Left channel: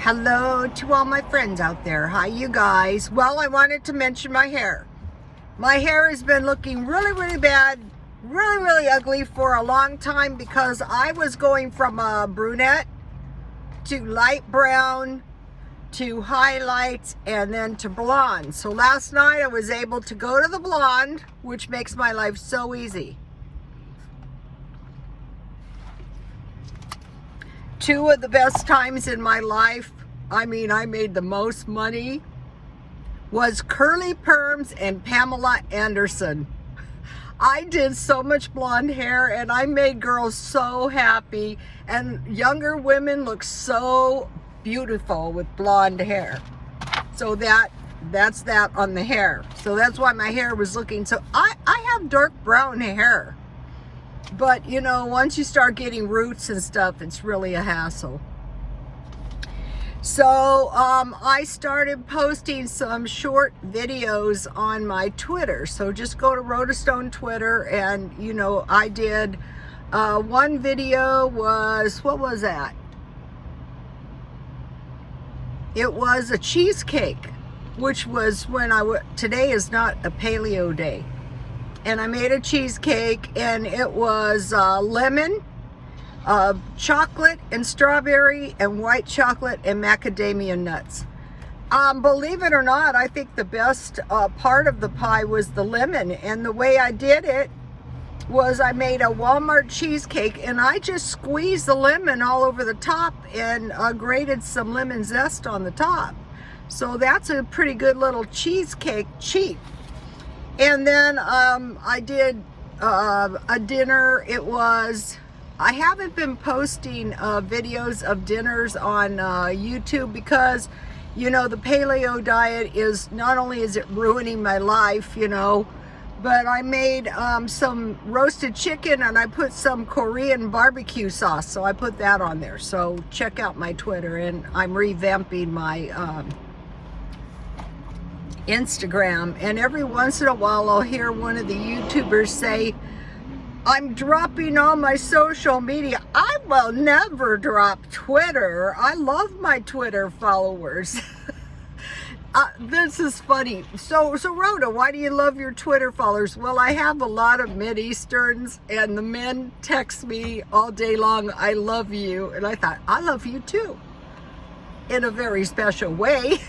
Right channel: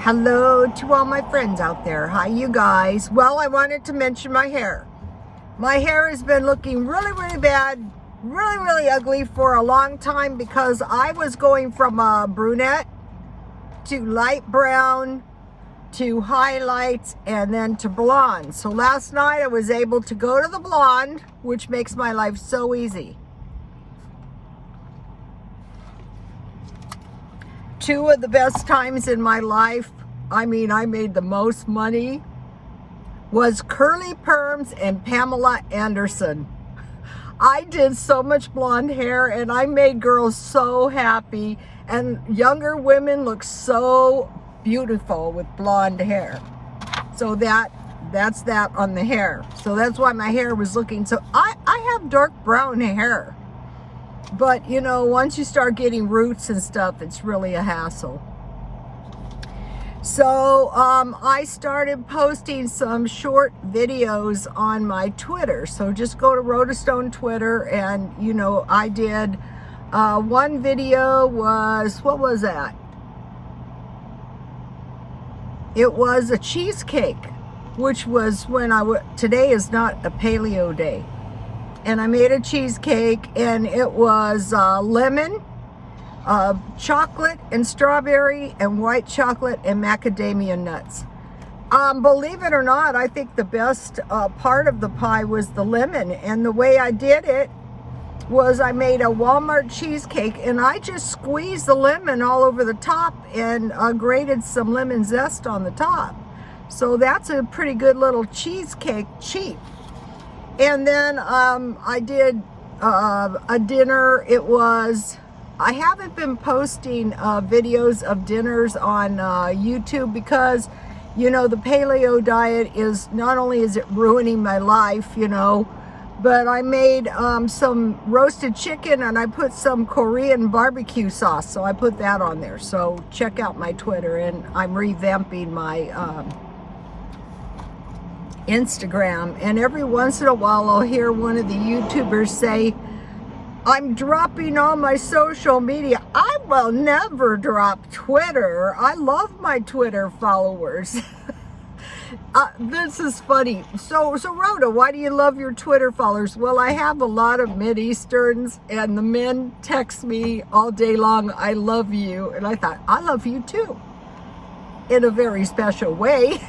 Hello to all my friends out there. Hi, you guys. Well, I wanted to mention my hair. My hair has been looking really bad, really ugly for a long time because I was going from a brunette to light brown to highlights and then to blonde. So last night I was able to go to the blonde, which makes my life so easy. Two of the best times in my life, I made the most money, was Curly Perms and Pamela Anderson. I did so much blonde hair and I made girls so happy, and younger women look so beautiful with blonde hair. So that's that on the hair. So that's why my hair was looking so, I have dark brown hair. But, you know, once you start getting roots and stuff, it's really a hassle. So, I started posting some short videos on my Twitter. So just go to Rotostone Twitter and, you know, I did, one video was, what was that? It was a cheesecake, which was when today is not a paleo day. And I made a cheesecake, and it was lemon, chocolate and strawberry and white chocolate and macadamia nuts. Believe it or not, I think the best part of the pie was the lemon. And the way I did it was I made a Walmart cheesecake and I just squeezed the lemon all over the top and grated some lemon zest on the top. So that's a pretty good little cheesecake, cheap. And then I did a dinner. I haven't been posting videos of dinners on YouTube because, you know, the paleo diet is, not only is it ruining my life, you know, but I made some roasted chicken and I put some Korean barbecue sauce. So I put that on there. So check out my Twitter, and I'm revamping my Instagram, and every once in a while I'll hear one of the YouTubers say, I'm dropping all my social media. I will never drop Twitter. I love my Twitter followers. This is funny. So Rhoda, why do you love your Twitter followers? Well, I have a lot of Mid-Easterns, and the men text me all day long, I love you. And I thought, I love you too, in a very special way.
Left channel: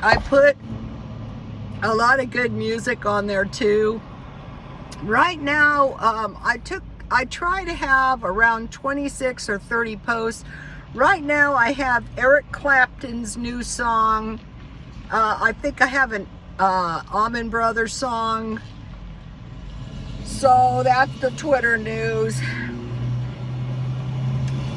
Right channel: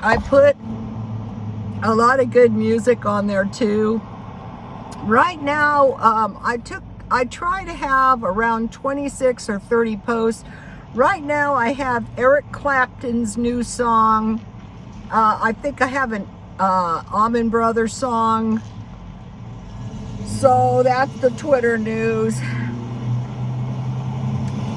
I put a lot of good music on there too. Right now, I try to have around 26 or 30 posts. Right now, I have Eric Clapton's new song. I think I have an Allman Brothers song. So that's the Twitter news.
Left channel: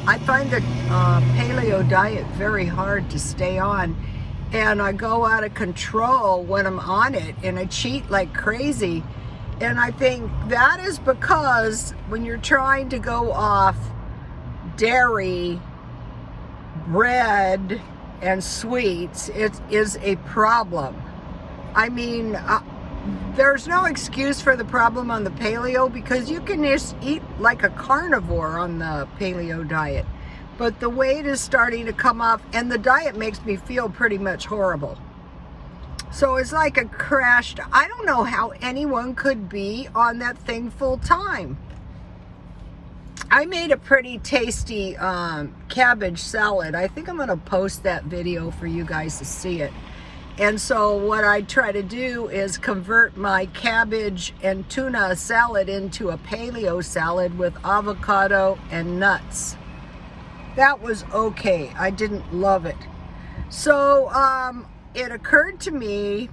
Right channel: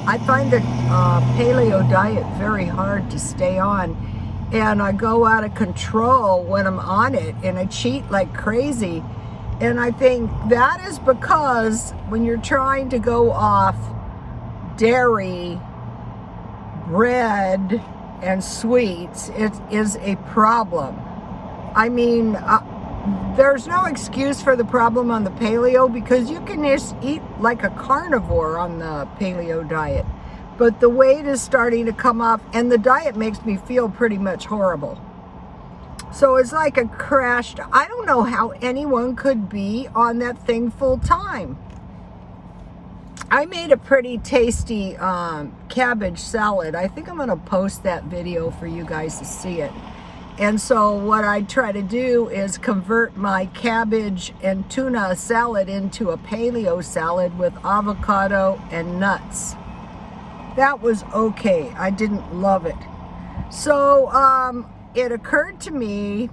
I find the paleo diet very hard to stay on. And I go out of control when I'm on it, and I cheat like crazy. And I think that is because when you're trying to go off dairy, bread, and sweets, it is a problem. I mean, there's no excuse for the problem on the paleo because you can just eat like a carnivore on the paleo diet. But the weight is starting to come off, and the diet makes me feel pretty much horrible. So it's like a crashed. I don't know how anyone could be on that thing full time. I made a pretty tasty cabbage salad. I think I'm going to post that video for you guys to see it. And so what I try to do is convert my cabbage and tuna salad into a paleo salad with avocado and nuts. That was okay. I didn't love it. So it occurred to me,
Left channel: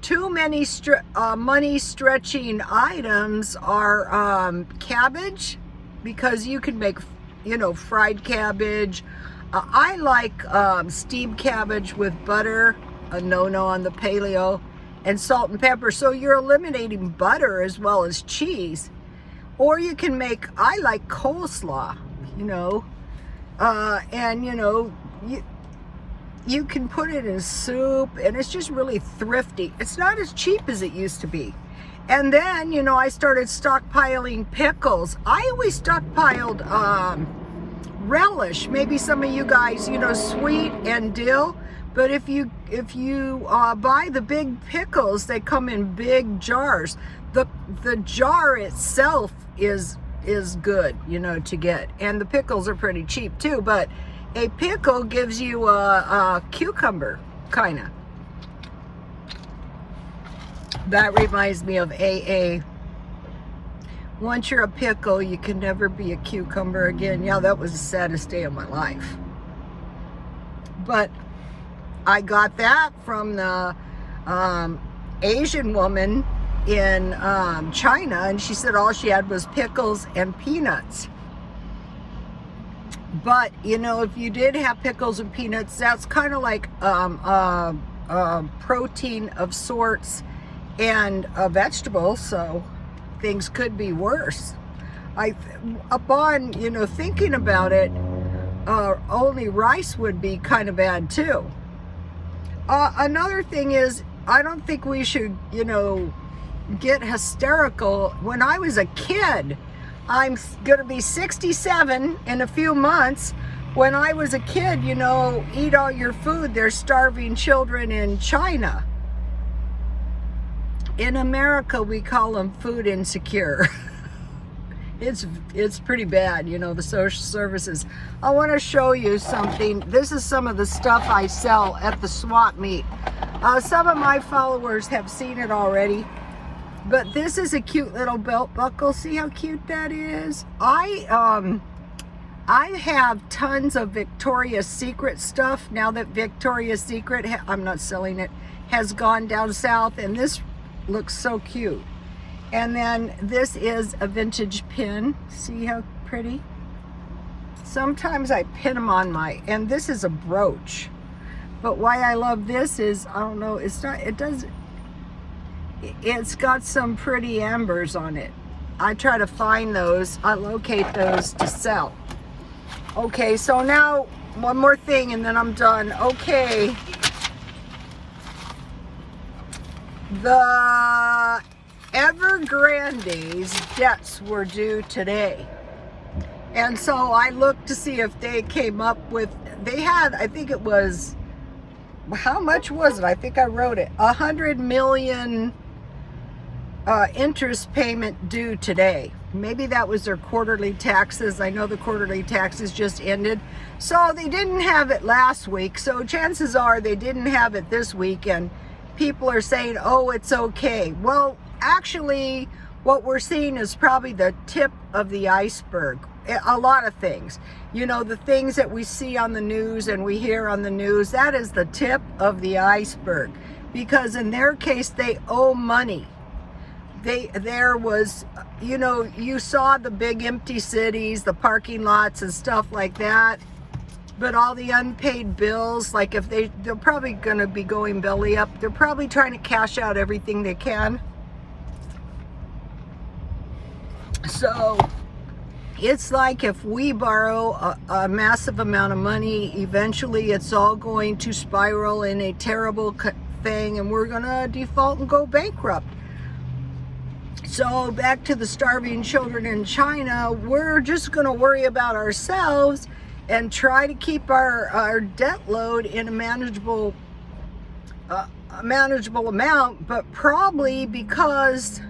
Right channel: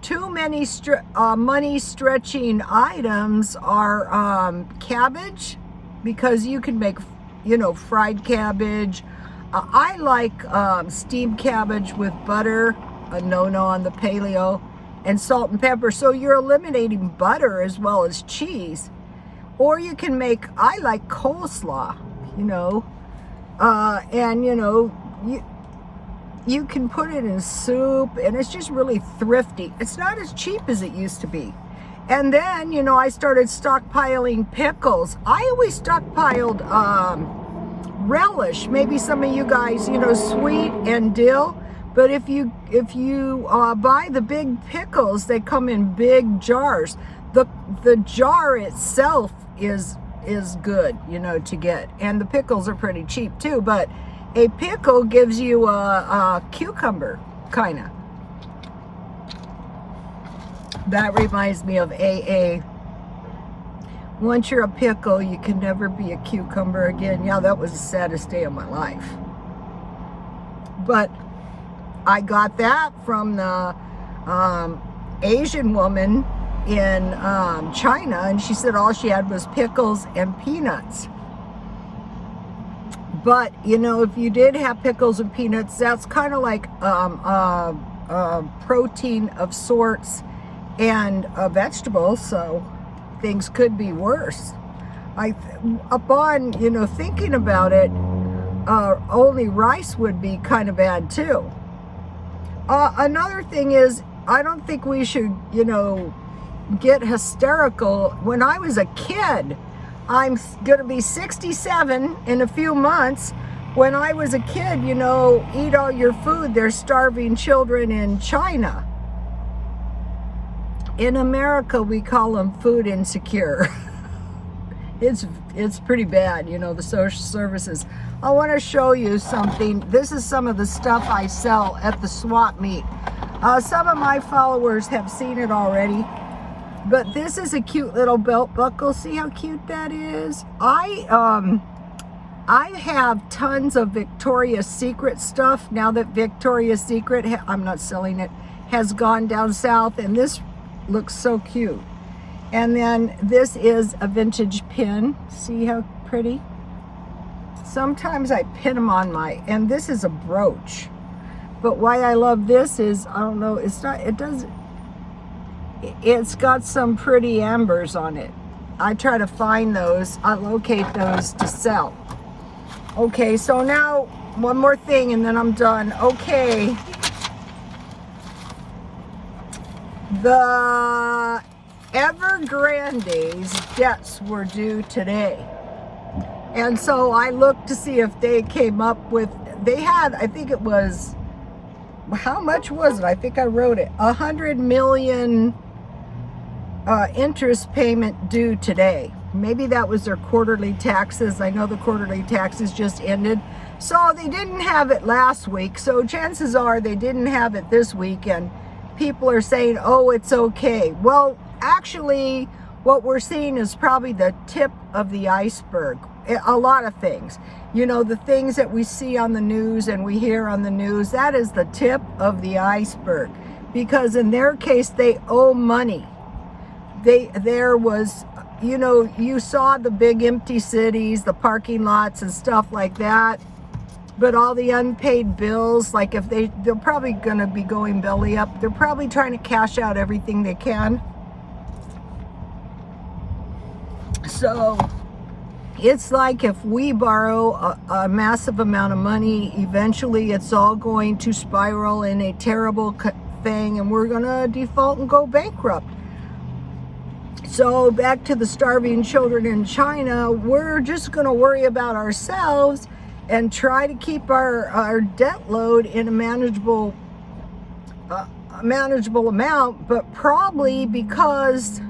too many money stretching items are cabbage, because you can make, you know, fried cabbage. I like steamed cabbage with butter, a no-no on the paleo, and salt and pepper. So you're eliminating butter as well as cheese. Or you can make, I like coleslaw, you know, and you know, you can put it in soup, and it's just really thrifty. It's not as cheap as it used to be. And then, you know, I started stockpiling pickles. I always stockpiled relish. Maybe some of you guys, you know, sweet and dill. But if you buy the big pickles, they come in big jars. The jar itself is good, you know, to get. And the pickles are pretty cheap too. But a pickle gives you a cucumber, kind of. That reminds me of AA. Once you're a pickle, you can never be a cucumber again. Yeah, that was the saddest day of my life. But I got that from the Asian woman in China, and she said all she had was pickles and peanuts. But, you know, if you did have pickles and peanuts, that's kind of like protein of sorts and a vegetable, so things could be worse. Upon, you know, thinking about it, only rice would be kind of bad too. Another thing is, I don't think we should, you know, get hysterical. When I was a kid, I'm gonna be 67 in a few months. When I was a kid, you know, eat all your food. There's starving children in China. In America, we call them food insecure. It's pretty bad, you know, the social services. I want to show you something. This is some of the stuff I sell at the swap meet. Some of my followers have seen it already, but this is a cute little belt buckle. See how cute that is? I have tons of Victoria's Secret stuff now that Victoria's Secret, I'm not selling it, has gone down south, and this looks so cute. And then this is a vintage pin. See how pretty? Sometimes I pin them on my, and this is a brooch. But why I love this is, I don't know, it's got some pretty ambers on it. I try to find those, I locate those to sell. Okay, so now one more thing and then I'm done. Okay. The Evergrande's debts were due today. And so I looked to see if they came up with, they had, I think it was, how much was it? I think I wrote it, 100 million interest payment due today. Maybe that was their quarterly taxes. I know the quarterly taxes just ended. So they didn't have it last week. So chances are they didn't have it this week, and people are saying, oh, it's okay. Well, actually, what we're seeing is probably the tip of the iceberg. A lot of things. You know, the things that we see on the news and we hear on the news, that is the tip of the iceberg. Because in their case, they owe money. There was, you know, you saw the big empty cities, the parking lots and stuff like that. But all the unpaid bills, like if they're probably going to be going belly up. They're probably trying to cash out everything they can. So it's like if we borrow a massive amount of money, eventually it's all going to spiral in a terrible thing, and we're going to default and go bankrupt. So back to the starving children in China, we're just going to worry about ourselves and try to keep our debt load in a manageable amount, but probably because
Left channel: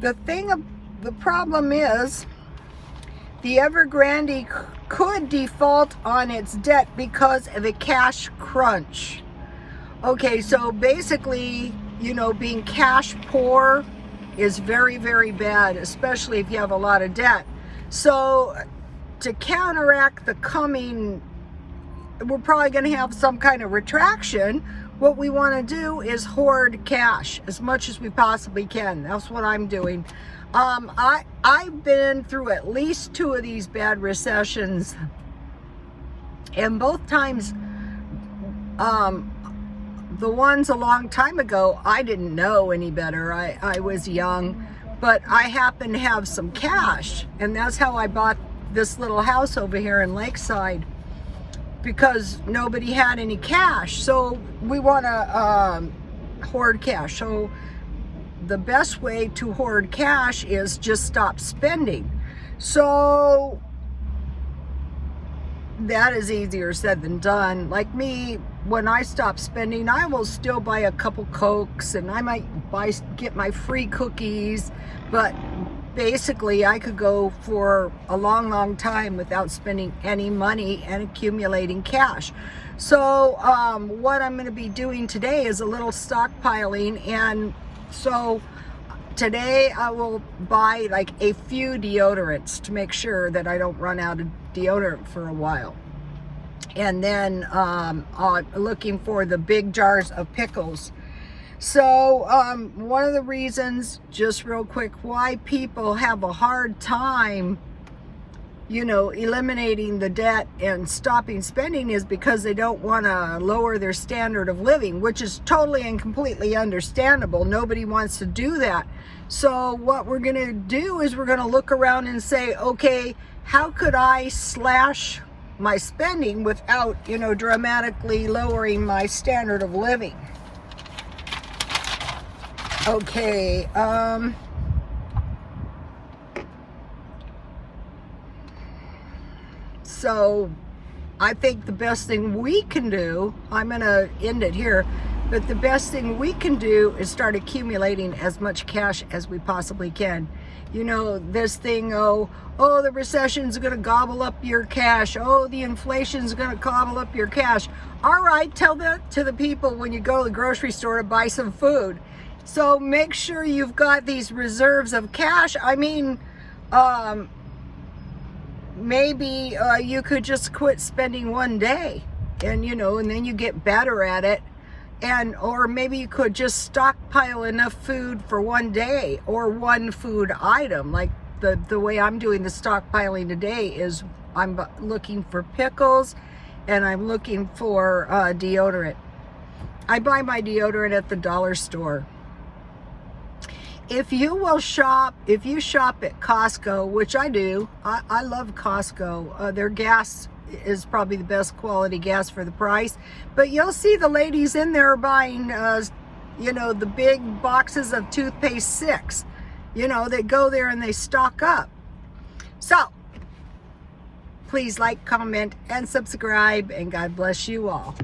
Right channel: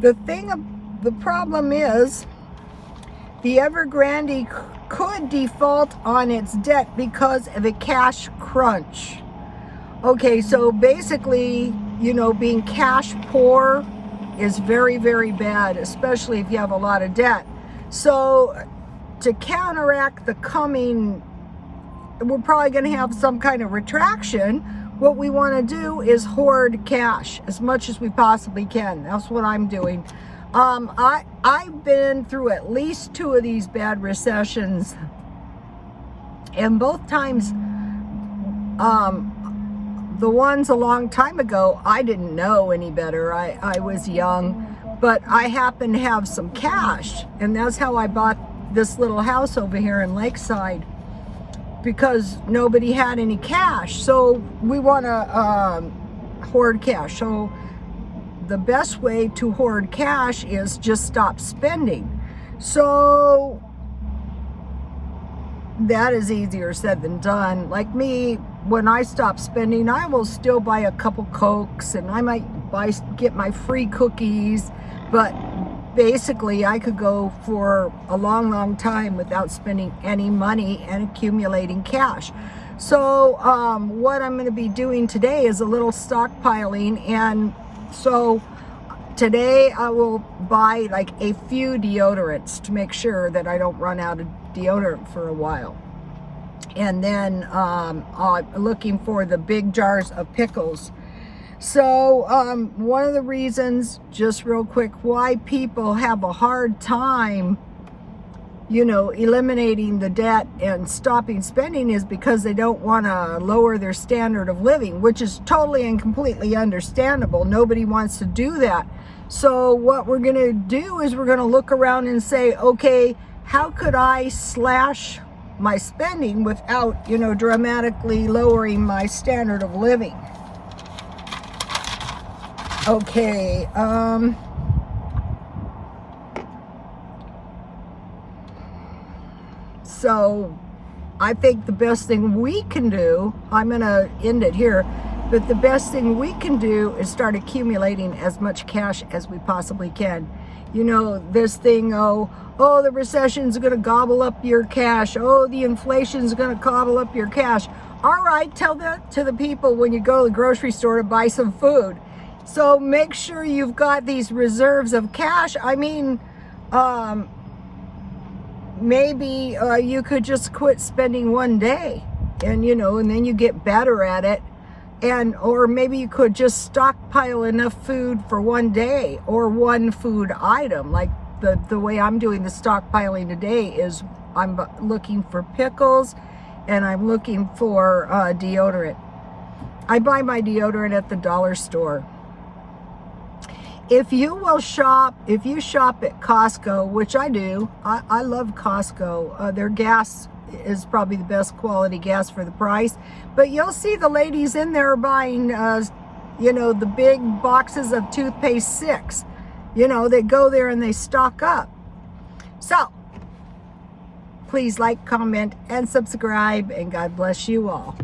the problem is the Evergrande could default on its debt because of a cash crunch. Okay, so basically, you know, being cash poor is very, very bad, especially if you have a lot of debt. So to counteract the coming, we're probably going to have some kind of retraction. What we want to do is hoard cash as much as we possibly can. That's what I'm doing. I've been through at least 2 of these bad recessions, and both times, the ones a long time ago, I didn't know any better. I was young, but I happened to have some cash, and that's how I bought this little house over here in Lakeside, because nobody had any cash. So we want to hoard cash. So the best way to hoard cash is just stop spending. So that is easier said than done. Like me, when I stop spending, I will still buy a couple Cokes, and I might get my free cookies, but basically I could go for a long time without spending any money and accumulating cash. So what I'm going to be doing today is a little stockpiling, and so today I will buy like a few deodorants to make sure that I don't run out of deodorant for a while. And then looking for the big jars of pickles. So one of the reasons, just real quick, why people have a hard time, you know, eliminating the debt and stopping spending is because they don't want to lower their standard of living, which is totally and completely understandable. Nobody wants to do that. So what we're going to do is we're going to look around and say, okay, how could I slash my spending without, you know, dramatically lowering my standard of living? Okay, so I think the best thing we can do, I'm gonna end it here, but the best thing we can do is start accumulating as much cash as we possibly can. You know, this thing, oh, the recession's gonna gobble up your cash. Oh, the inflation's gonna gobble up your cash. All right, tell that to the people when you go to the grocery store to buy some food. So make sure you've got these reserves of cash. I mean, maybe you could just quit spending one day, and you know, and then you get better at it. And or maybe you could just stockpile enough food for one day or one food item. Like the way I'm doing the stockpiling today is I'm looking for pickles, and I'm looking for deodorant. I buy my deodorant at the dollar store. If you shop at Costco, which I do, I love Costco. Their gas is probably the best quality gas for the price. But you'll see the ladies in there buying, you know, the big boxes of toothpaste 6. You know, they go there and they stock up. So, please like, comment, and subscribe, and God bless you all.